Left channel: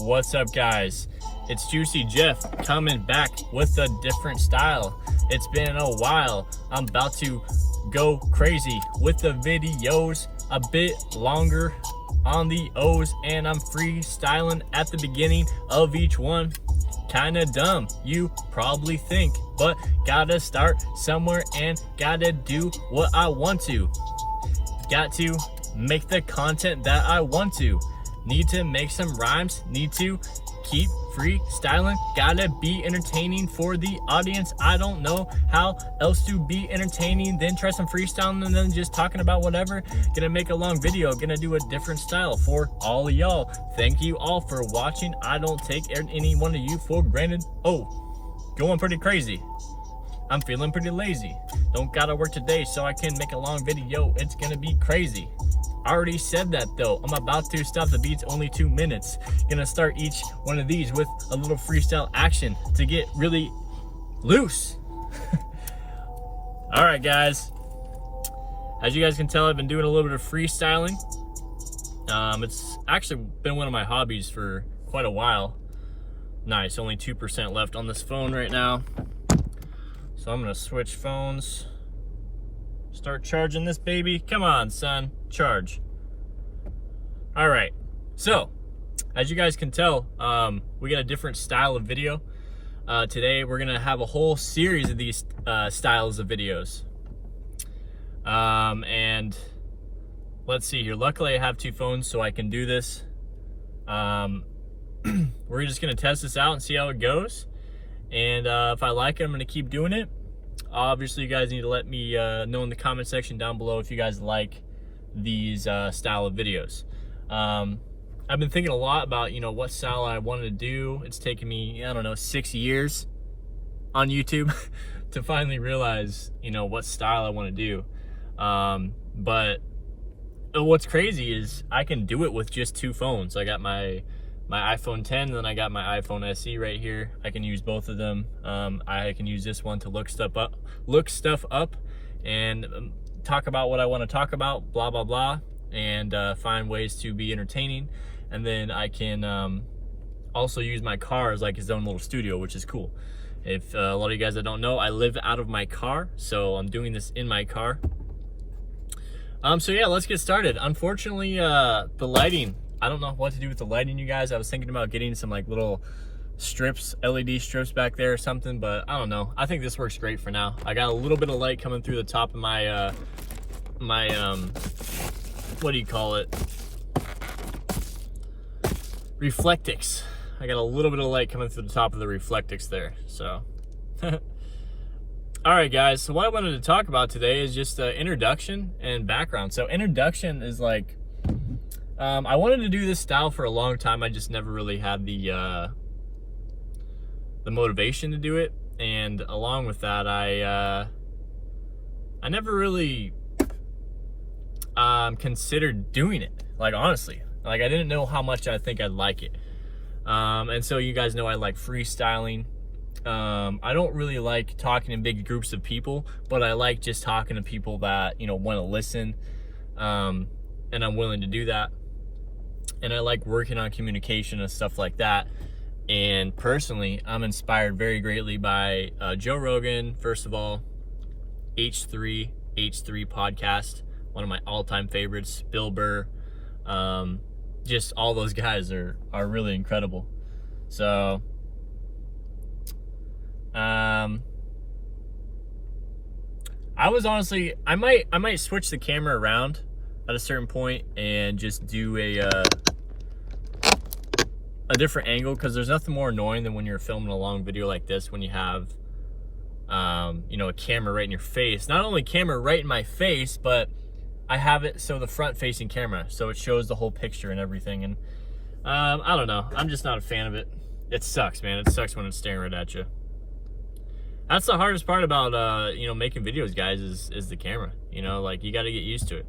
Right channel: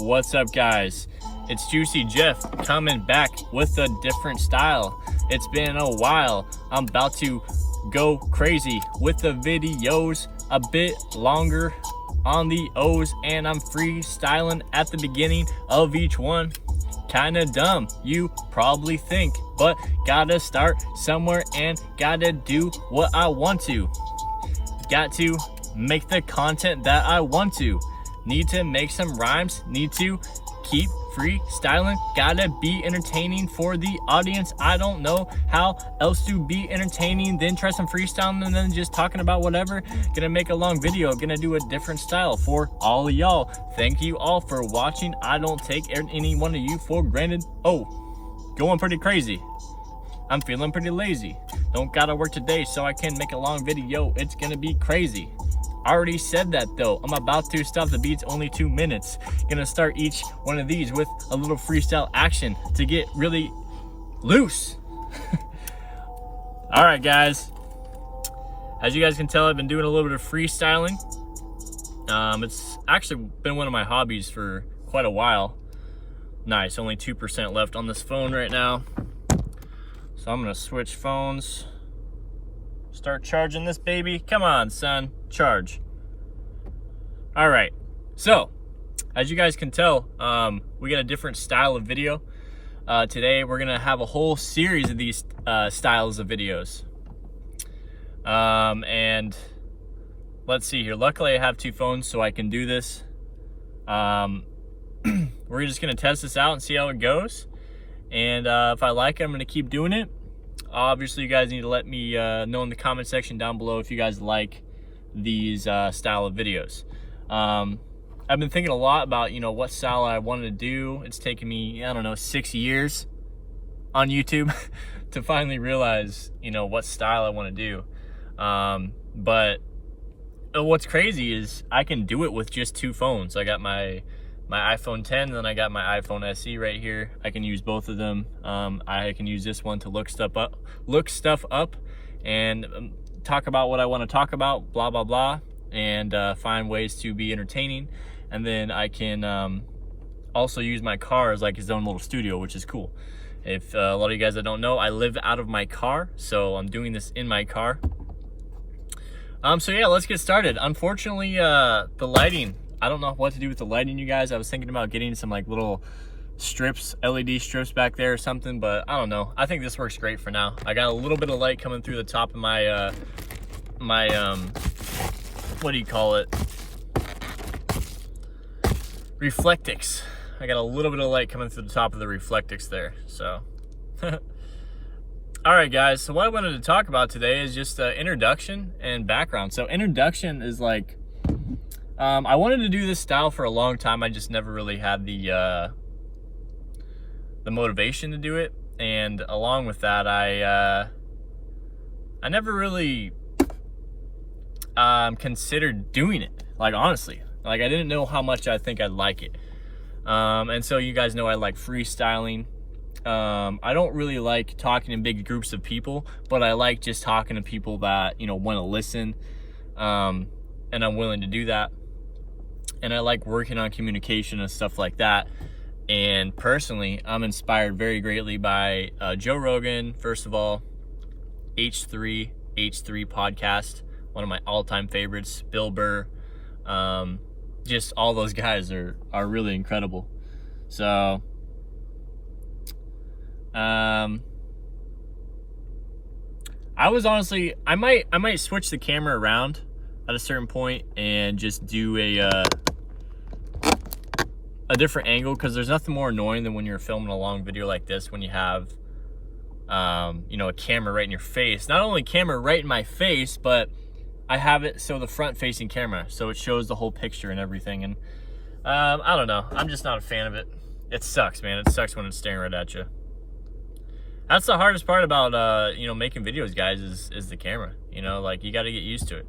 What's up, guys? It's Juicy Jeff coming back with a different style. It's been a while. I'm about to go crazy with the videos, a bit longer on the O's, and I'm freestyling at the beginning of each one. Kinda dumb, you probably think, but gotta start somewhere and gotta do what I want to. Got to make the content that I want to. Need to make some rhymes, need to keep freestyling, gotta be entertaining for the audience. I don't know how else to be entertaining than try some freestyling and then just talking about whatever. Gonna make a long video, gonna do a different style for all of y'all. Thank you all for watching. I don't take any one of you for granted. Oh, going pretty crazy. I'm feeling pretty lazy. Don't gotta work today so I can make a long video. It's gonna be crazy. I already said that though. I'm about to stop the beats, only 2 minutes. Gonna start each one of these with a little freestyle action to get really loose. All right, guys. As you guys can tell, I've been doing a little bit of freestyling. It's actually been one of my hobbies for quite a while. Nice, only 2% left on this phone right now. So I'm gonna switch phones. Start charging this baby. Come on, son, charge. All right, so as you guys can tell, we got a different style of video. Today we're gonna have a whole series of these styles of videos. And let's see here. Luckily I have 2 phones so I can do this. We're just gonna test this out and see how it goes. And if I like it, I'm gonna keep doing it. Obviously, you guys need to let me know in the comment section down below if you guys like these style of videos. I've been thinking a lot about, what style I wanted to do. It's taken me, I don't know, 6 years on YouTube to finally realize, what style I want to do. But what's crazy is I can do it with just 2 phones. I got my iPhone 10, and then I got my iPhone SE right here. I can use both of them. I can use this one to look stuff up and talk about what I want to talk about, blah, blah, blah, and find ways to be entertaining. And then I can also use my car as like its own little studio, which is cool. If a lot of you guys that don't know, I live out of my car, so I'm doing this in my car. So yeah, let's get started. Unfortunately, the lighting, I don't know what to do with the lighting, you guys. I was thinking about getting some like little strips, LED strips back there or something, but I don't know. I think this works great for now. I got a little bit of light coming through the top of my, what do you call it? Reflectix. I got a little bit of light coming through the top of the Reflectix there, so. All right, guys, so what I wanted to talk about today is just the introduction and background. So introduction is like, I wanted to do this style for a long time. I just never really had the motivation to do it, and along with that, I never really considered doing it. Like, honestly, like I didn't know how much I think I'd like it. And so you guys know I like freestyling. I don't really like talking in big groups of people, but I like just talking to people that want to listen, and I'm willing to do that. And I like working on communication and stuff like that. And personally, I'm inspired very greatly by Joe Rogan, first of all, H3 podcast, one of my all-time favorites, Bill Burr. Just all those guys are really incredible. So, I was honestly, I might switch the camera around at a certain point and just do a different angle, because there's nothing more annoying than when you're filming a long video like this when you have a camera right in your face. Not only camera right in my face, but I have it so the front facing camera, so it shows the whole picture and everything. And I don't know, I'm just not a fan of it. It sucks, man. It sucks when it's staring right at you. That's the hardest part about making videos, guys, is the camera. Like, you got to get used to it.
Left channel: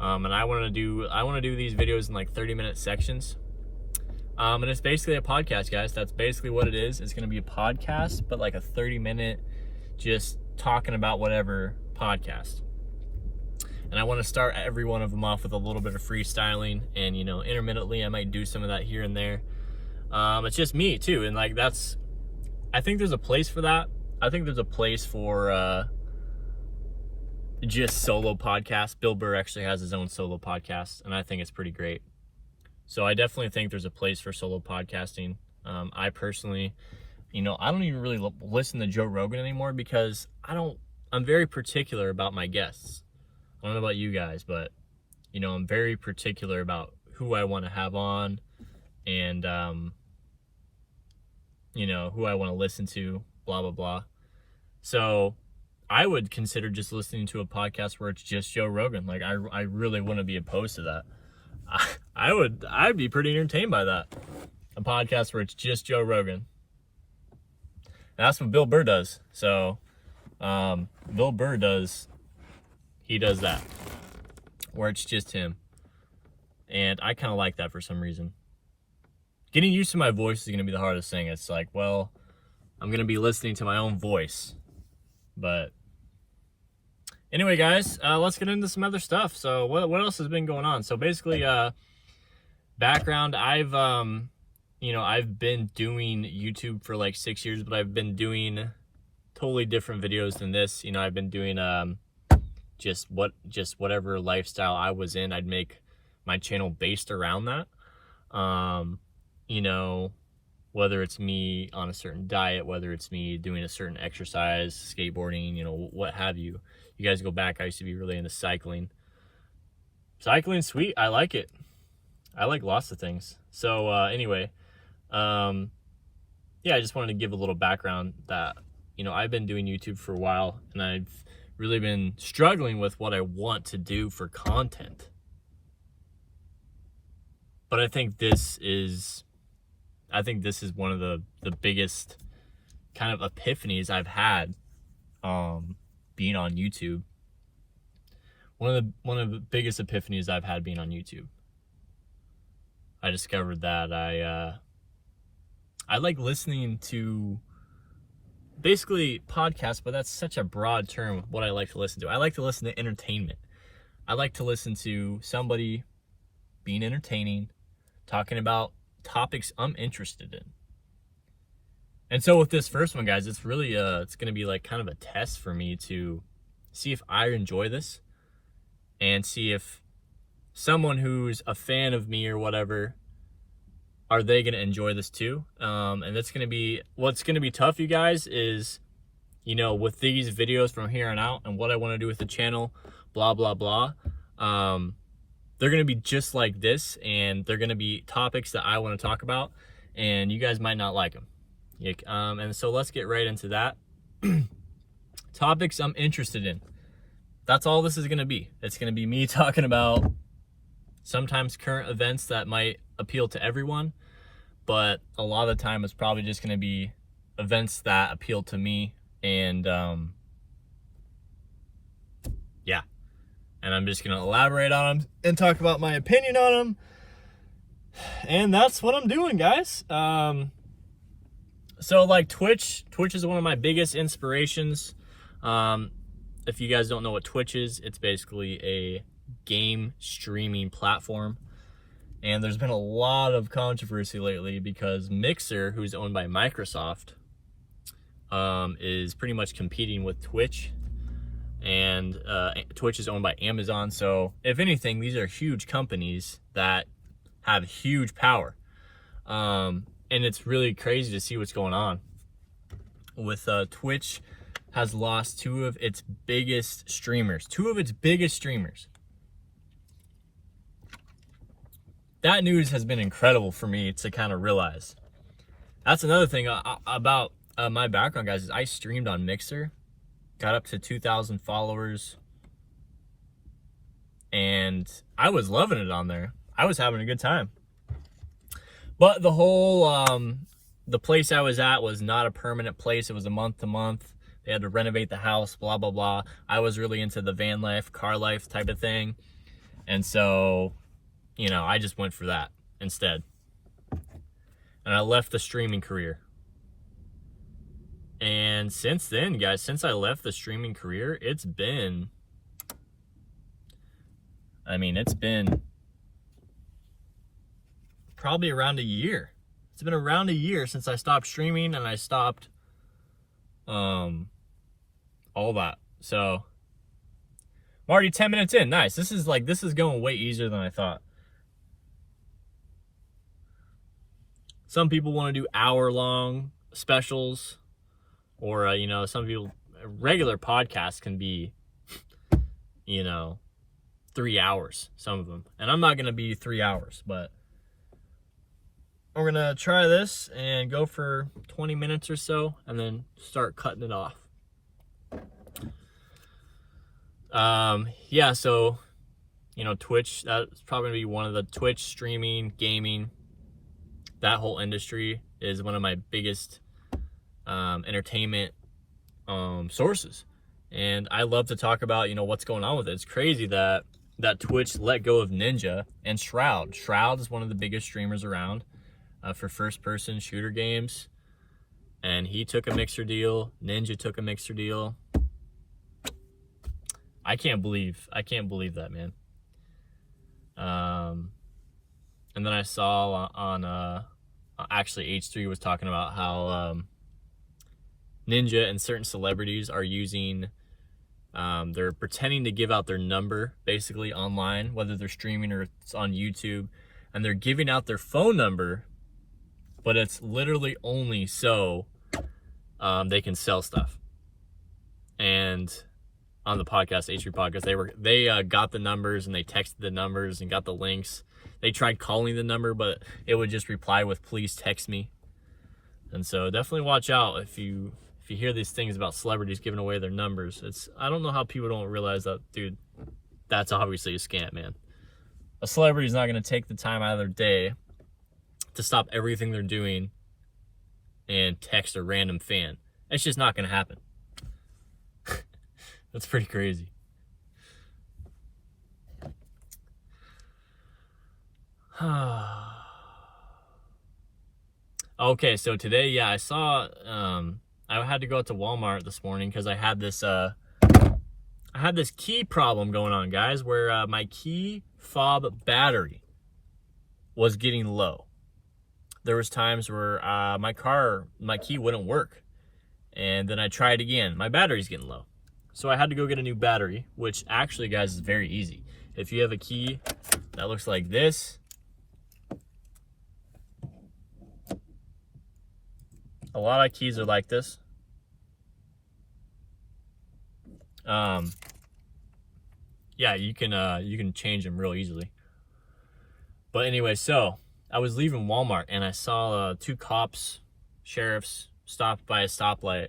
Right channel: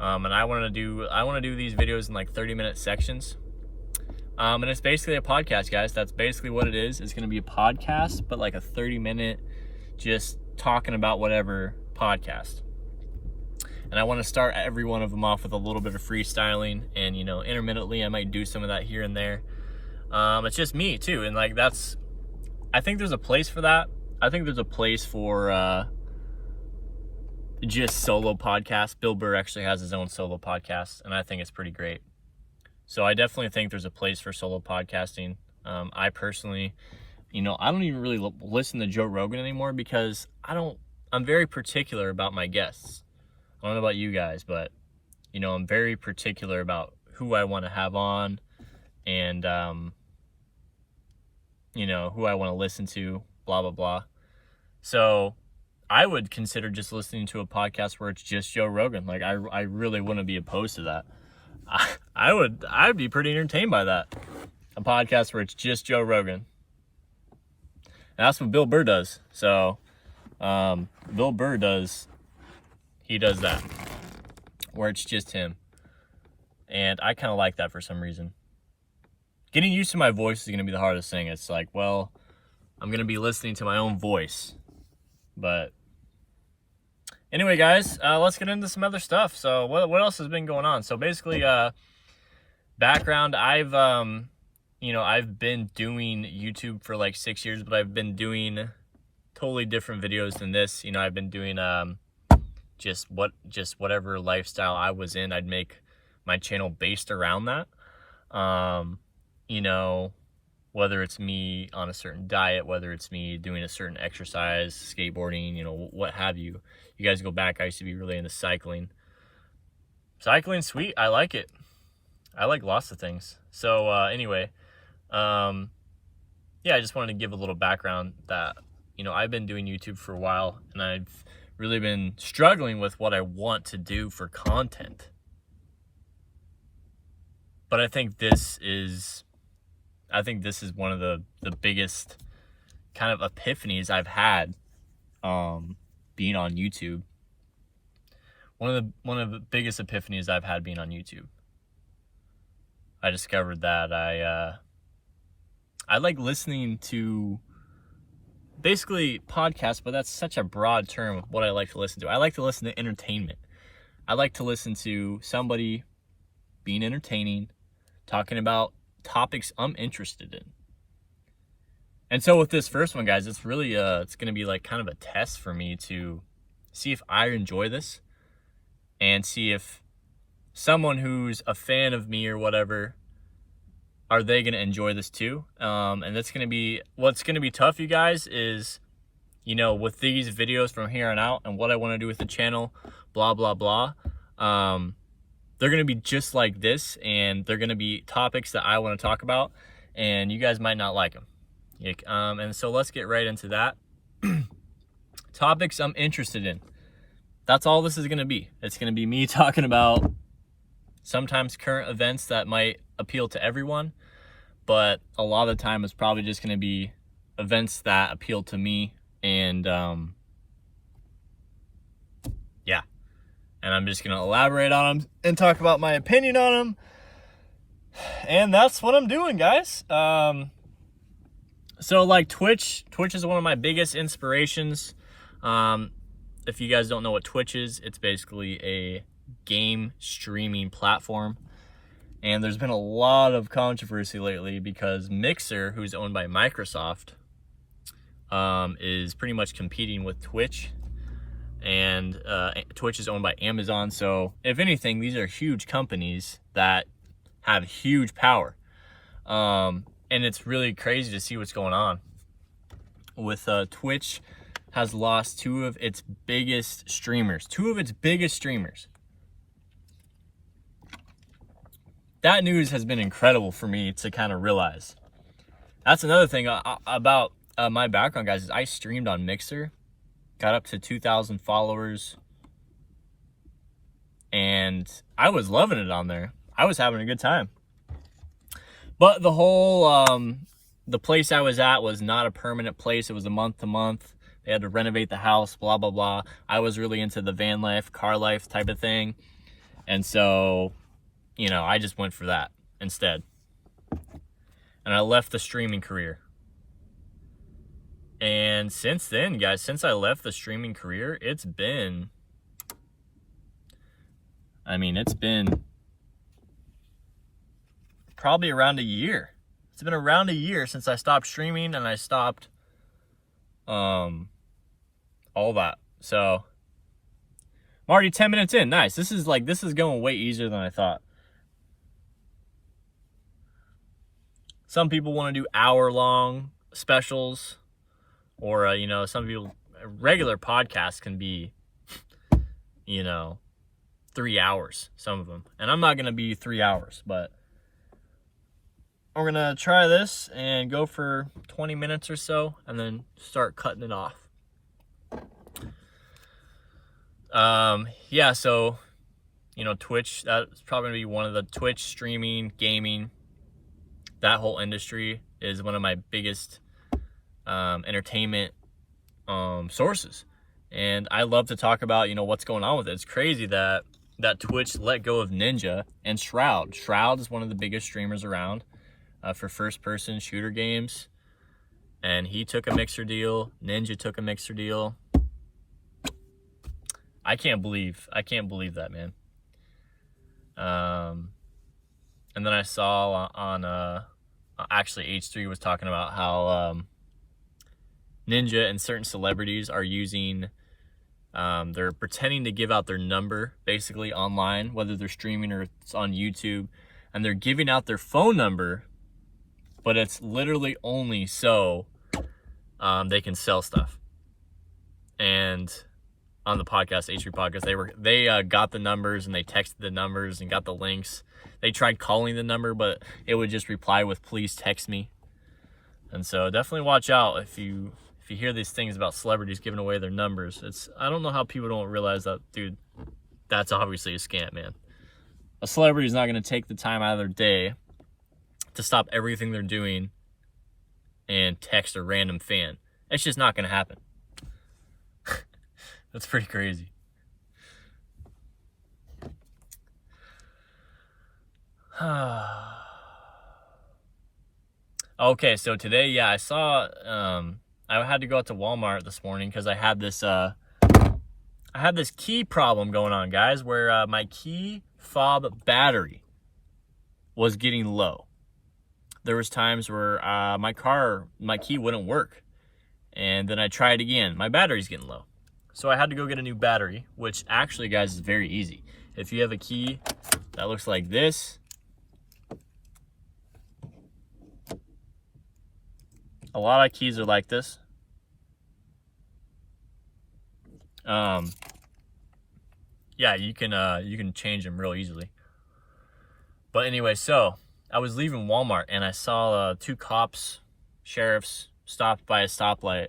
And I want to do these videos in like 30-minute sections. And it's basically a podcast, guys. That's basically what it is. It's going to be a podcast, but like a 30-minute just talking about whatever podcast. And I want to start every one of them off with a little bit of freestyling, and intermittently I might do some of that here and there. It's just me too, and like I think there's a place for that. I think there's a place for just solo podcasts. Bill Burr actually has his own solo podcast, and I think it's pretty great. So I definitely think there's a place for solo podcasting. I personally, I don't even really listen to Joe Rogan anymore because I'm very particular about my guests. I don't know about you guys, but I'm very particular about who I want to have on, and who I want to listen to, blah blah blah. So I would consider just listening to a podcast where it's just Joe Rogan. Like I really wouldn't be opposed to that. I'd be pretty entertained by that. A podcast where it's just Joe Rogan. And that's what Bill Burr does. So Bill Burr does that, where it's just him. And I kind of like that for some reason. Getting used to my voice is going to be the hardest thing. It's like, well, I'm going to be listening to my own voice. But anyway, guys, let's get into some other stuff. So what else has been going on? So basically, background, I've been doing YouTube for like 6 years, but I've been doing totally different videos than this. I've been doing just whatever lifestyle I was in, I'd make my channel based around that. Whether it's me on a certain diet, whether it's me doing a certain exercise, skateboarding, what have you. You guys go back, I used to be really into cycling. Cycling's sweet. I like it. I like lots of things. So anyway, I just wanted to give a little background that, I've been doing YouTube for a while, and I've really been struggling with what I want to do for content. But I think this is one of the biggest kind of epiphanies I've had being on YouTube. One of the biggest epiphanies I've had being on YouTube. I discovered that I like listening to basically podcasts, but that's such a broad term, what I like to listen to. I like to listen to entertainment. I like to listen to somebody being entertaining, talking about topics I'm interested in. And so with this first one, guys, it's really it's going to be like kind of a test for me to see if I enjoy this, and see if someone who's a fan of me or whatever, are they going to enjoy this too? And that's going to be, what's going to be tough, you guys, is, with these videos from here on out and what I want to do with the channel, blah, blah, blah. They're going to be just like this, and they're going to be topics that I want to talk about, and you guys might not like them. And so let's get right into that. Topics I'm interested in. That's all this is going to be. It's going to be me talking about sometimes current events that might appeal to everyone, but a lot of the time it's probably just going to be events that appeal to me, and and I'm just going to elaborate on them and talk about my opinion on them, and that's what I'm doing, guys. So like Twitch is one of my biggest inspirations. If you guys don't know what Twitch is, it's basically a game streaming platform. And there's been a lot of controversy lately because Mixer, who's owned by Microsoft, is pretty much competing with Twitch. And Twitch is owned by Amazon. So if anything, these are huge companies that have huge power. And it's really crazy to see what's going on. With Twitch has lost two of its biggest streamers. That news has been incredible for me to kind of realize. That's another thing about my background, guys, is I streamed on Mixer, got up to 2,000 followers, and I was loving it on there. I was having a good time. But the whole, the place I was at was not a permanent place. It was a month to month. They had to renovate the house, blah, blah, blah. I was really into the van life, car life type of thing. And so, I just went for that instead. And I left the streaming career. And since then, guys, since I left the streaming career, it's been probably around a year It's been around a year since I stopped streaming and I stopped all that. So I'm already 10 minutes in. Nice. This is going way easier than I thought. Some people want to do hour-long specials, or some people, regular podcasts can be 3 hours, some of them, and I'm not gonna be 3 hours, but we're gonna try this and go for 20 minutes or so and then start cutting it off. Yeah, so Twitch, that's probably gonna be one of the Twitch, streaming, gaming, that whole industry is one of my biggest entertainment sources, and I love to talk about what's going on with it. It's crazy that Twitch let go of Ninja and Shroud. Shroud is one of the biggest streamers around for first-person shooter games, and he took a Mixer deal. Ninja took a Mixer deal. I can't believe that, man. And then I saw on actually H3 was talking about how Ninja and certain celebrities are using, they're pretending to give out their number basically online, whether they're streaming or it's on YouTube, and they're giving out their phone number, but it's literally only so they can sell stuff. And on the podcast, H3 podcast, they got the numbers and they texted the numbers and got the links. They tried calling the number, but it would just reply with "please text me." And so definitely watch out if you hear these things about celebrities giving away their numbers. I don't know how people don't realize that, dude. That's obviously a scam, man. A celebrity's not going to take the time out of their day to stop everything they're doing and text a random fan. It's just not going to happen. That's pretty crazy. Okay, so today, yeah, I saw, I had to go out to Walmart this morning because I had this key problem going on, guys, where my key fob battery was getting low. There was times where my key wouldn't work, and then I tried again. My battery's getting low. So I had to go get a new battery, which actually, guys, is very easy. If you have a key that looks like this, a lot of keys are like this. Yeah, you can change them real easily. But anyway, so I was leaving Walmart and I saw two sheriffs stopped by a stoplight,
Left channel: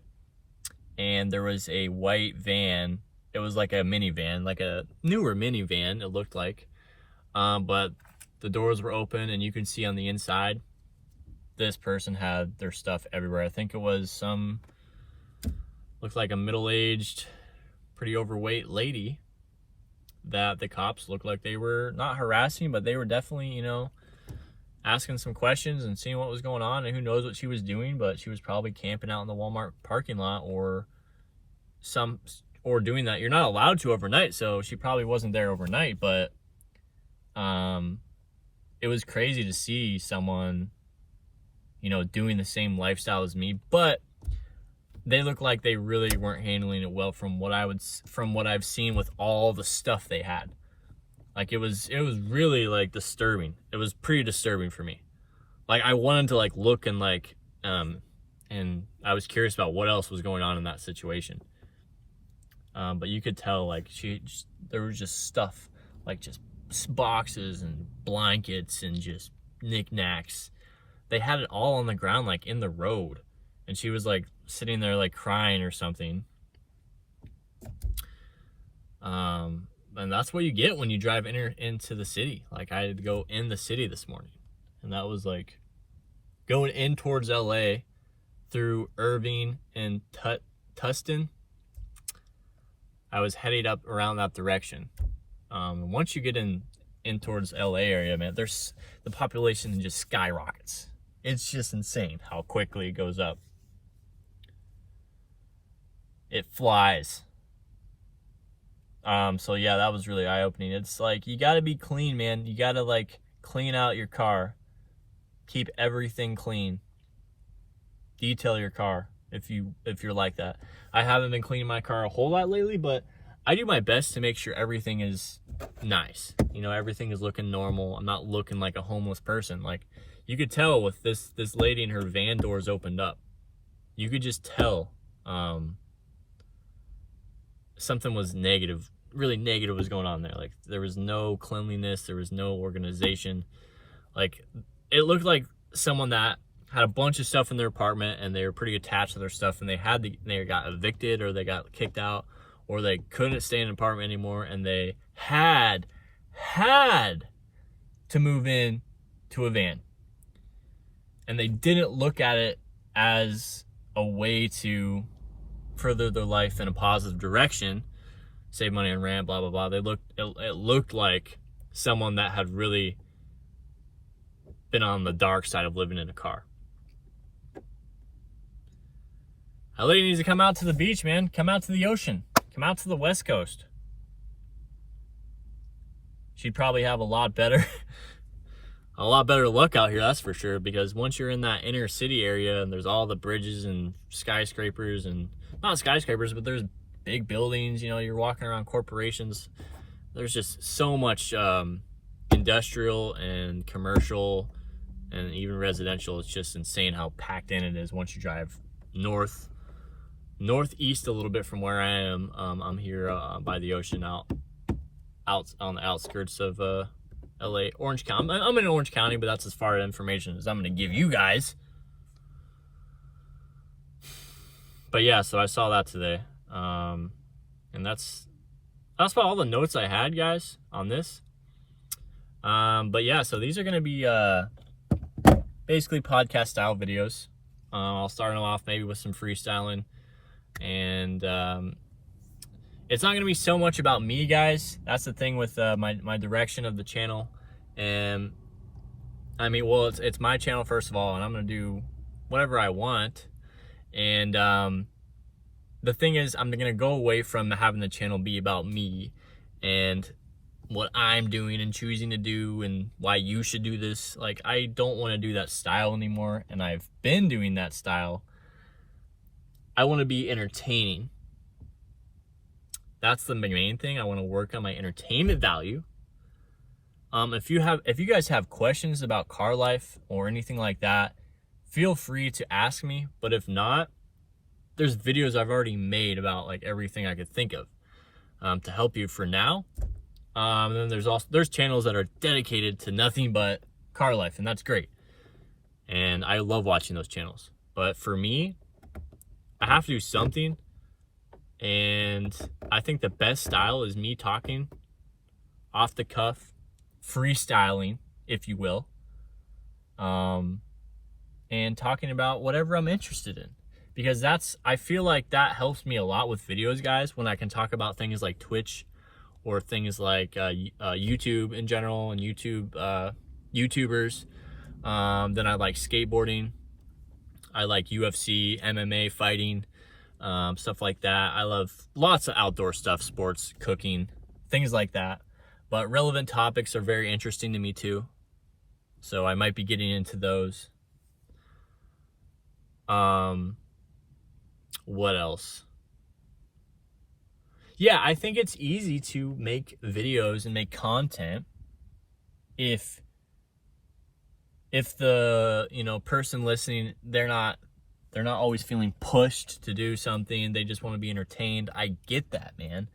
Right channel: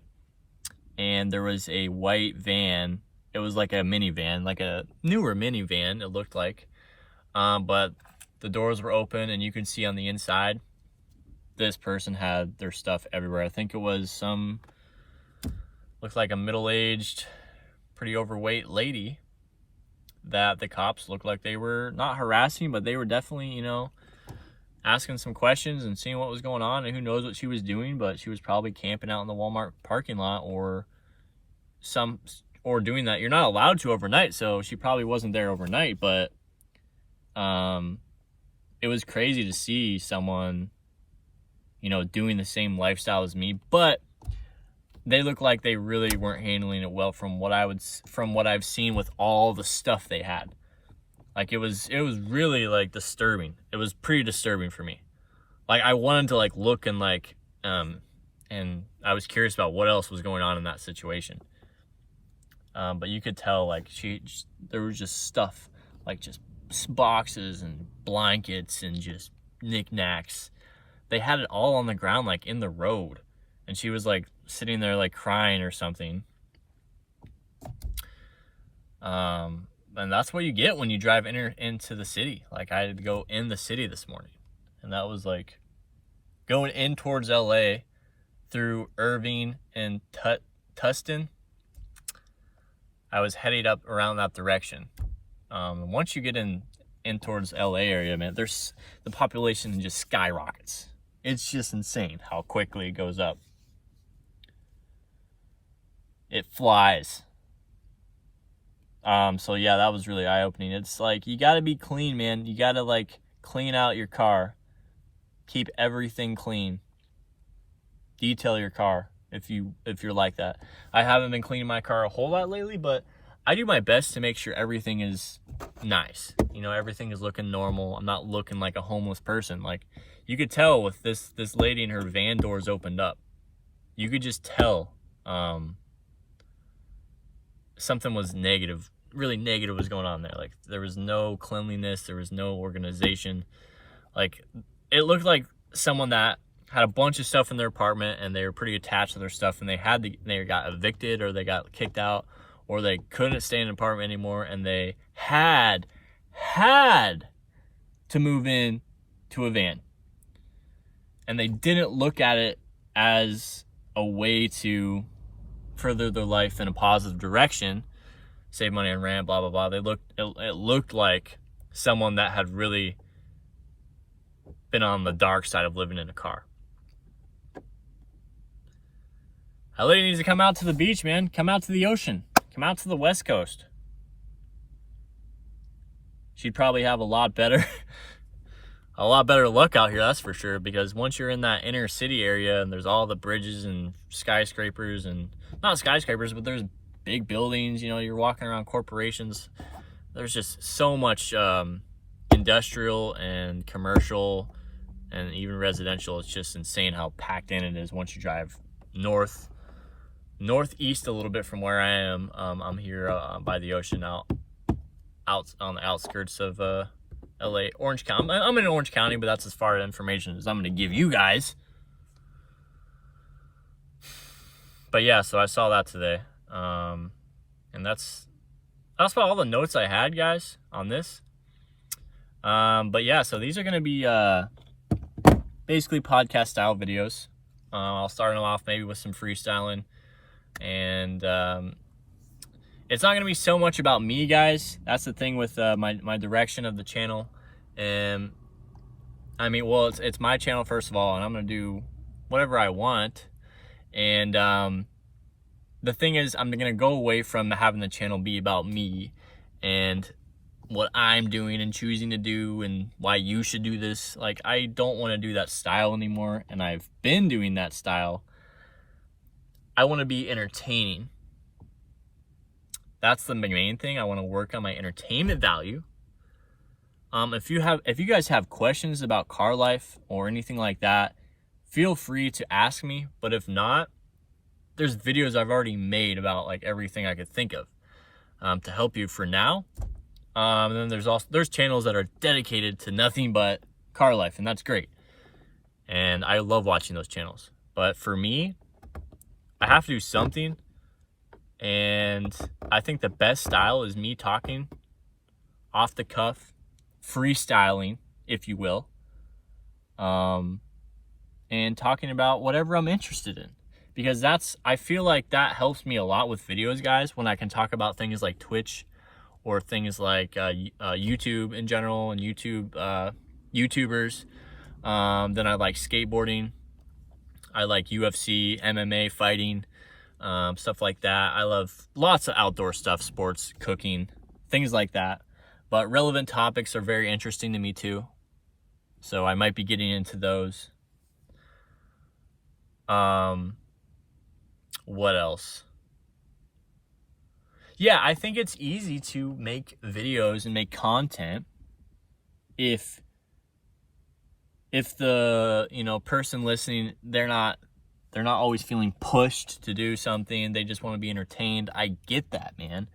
and there was a white van. It was like a minivan, like a newer minivan, it looked like. But the doors were open and you could see on the inside, this person had their stuff everywhere. I think it was looked like a middle-aged, pretty overweight lady that the cops looked like they were not harassing, but they were definitely, asking some questions and seeing what was going on, and who knows what she was doing, but she was probably camping out in the Walmart parking lot or doing that. You're not allowed to overnight, so she probably wasn't there overnight, but it was crazy to see someone, doing the same lifestyle as me, but they look like they really weren't handling it well from what I've seen with all the stuff they had. Like it was really like disturbing. It was pretty disturbing for me. Like I wanted to look and and I was curious about what else was going on in that situation. But you could tell there was just stuff, just boxes and blankets and just knickknacks. They had it all on the ground, in the road, and she was sitting there crying or something. And that's what you get when you drive into the city. I had to go in the city this morning, and that was going in towards LA through Irving and Tustin. I was headed up around that direction. Once you get in towards LA area, man, the population just skyrockets. It's just insane how quickly it goes up. It flies. So yeah, that was really eye-opening. It's you gotta be clean, man. You gotta clean out your car Keep everything clean. Detail your car if you're like that. I haven't been cleaning my car a whole lot lately, but I do my best to make sure everything is nice. You know, everything is looking normal. I'm not looking like a homeless person. Like, you could tell with this lady and her van doors opened up. You could just tell something was negative, really negative was going on there. Like, there was no cleanliness, there was no organization. Like, it looked like someone that had a bunch of stuff in their apartment and they were pretty attached to their stuff, and they got evicted, or they got kicked out, or they couldn't stay in an apartment anymore, and they had to move in to a van. And they didn't look at it as a way to further their life in a positive direction, save money on rent, blah, blah, blah. It looked like someone that had really been on the dark side of living in a car. That lady needs to come out to the beach, man. Come out to the ocean. Come out to the West Coast. She'd probably have a lot better luck out here, that's for sure, because once you're in that inner city area and there's all the bridges and skyscrapers, and not skyscrapers, but there's big buildings, you know, you're walking around corporations. There's just so much industrial and commercial and even residential. It's just insane how packed in it is once you drive northeast a little bit from where I am. I'm here by the ocean, out on the outskirts of LA, Orange County. I'm in Orange County, but that's as far information as I'm going to give you guys. But yeah, so I saw that today. And that's about all the notes I had, guys, on this. But yeah, so these are going to be basically podcast style videos. I'll start them off maybe with some freestyling, and it's not going to be so much about me, guys. That's the thing with my direction of the channel. And I mean, well, it's my channel first of all, and I'm going to do whatever I want. And the thing is, I'm going to go away from having the channel be about me and what I'm doing and choosing to do and why you should do this. Like, I don't want to do that style anymore, and I've been doing that style. I want to be entertaining. That's the main thing. I want to work on my entertainment value. If you guys have questions about car life or anything like that, feel free to ask me. But if not, there's videos I've already made about like everything I could think of to help you for now. And then there's channels that are dedicated to nothing but car life, and that's great. And I love watching those channels. But for me, I have to do something. And I think the best style is me talking off the cuff, freestyling, if you will, and talking about whatever I'm interested in. Because I feel like that helps me a lot with videos, guys, when I can talk about things like Twitch or things like YouTube in general, and YouTubers. Then I like skateboarding. I like UFC, MMA, fighting, stuff like that. I love lots of outdoor stuff, sports, cooking, things like that. But relevant topics are very interesting to me too. So I might be getting into those. What else? Yeah, I think it's easy to make videos and make content if the, you know, person listening, they're not always feeling pushed to do something. They just want to be entertained. I get that, man.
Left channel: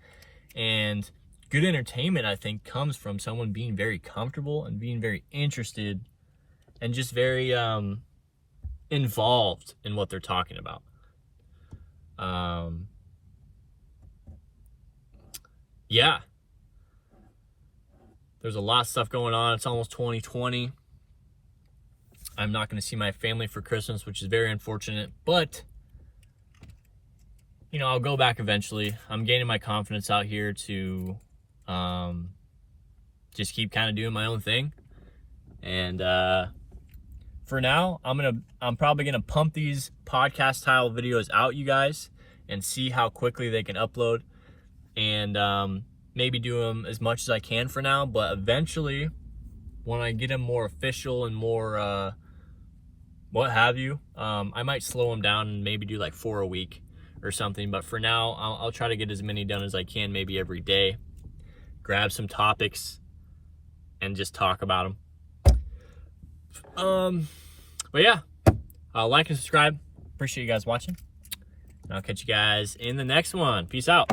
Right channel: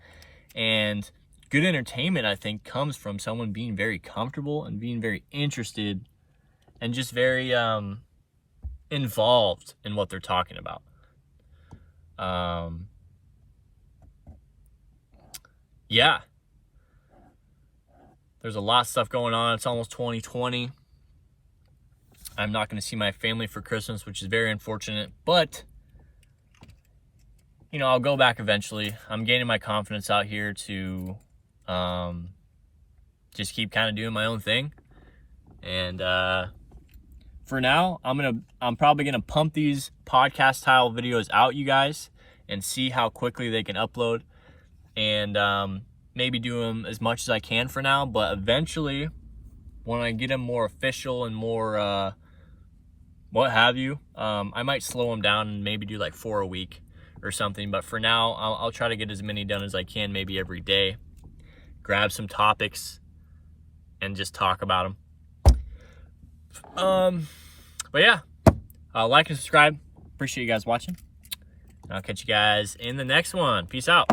And good entertainment, I think, comes from someone being very comfortable and being very interested and just very involved in what they're talking about. Yeah. There's a lot of stuff going on. It's almost 2020. I'm not going to see my family for Christmas, which is very unfortunate, but you know, I'll go back eventually. I'm gaining my confidence out here to just keep kind of doing my own thing. And for now, I'm probably gonna pump these podcast style videos out, you guys, and see how quickly they can upload, and maybe do them as much as I can for now. But eventually, when I get them more official and more what have you. I might slow them down and maybe do like 4 a week or something, but for now I'll try to get as many done as I can, maybe every day. Grab some topics and just talk about them. But yeah, like and subscribe. Appreciate you guys watching. I'll catch you guys in the next one. Peace out.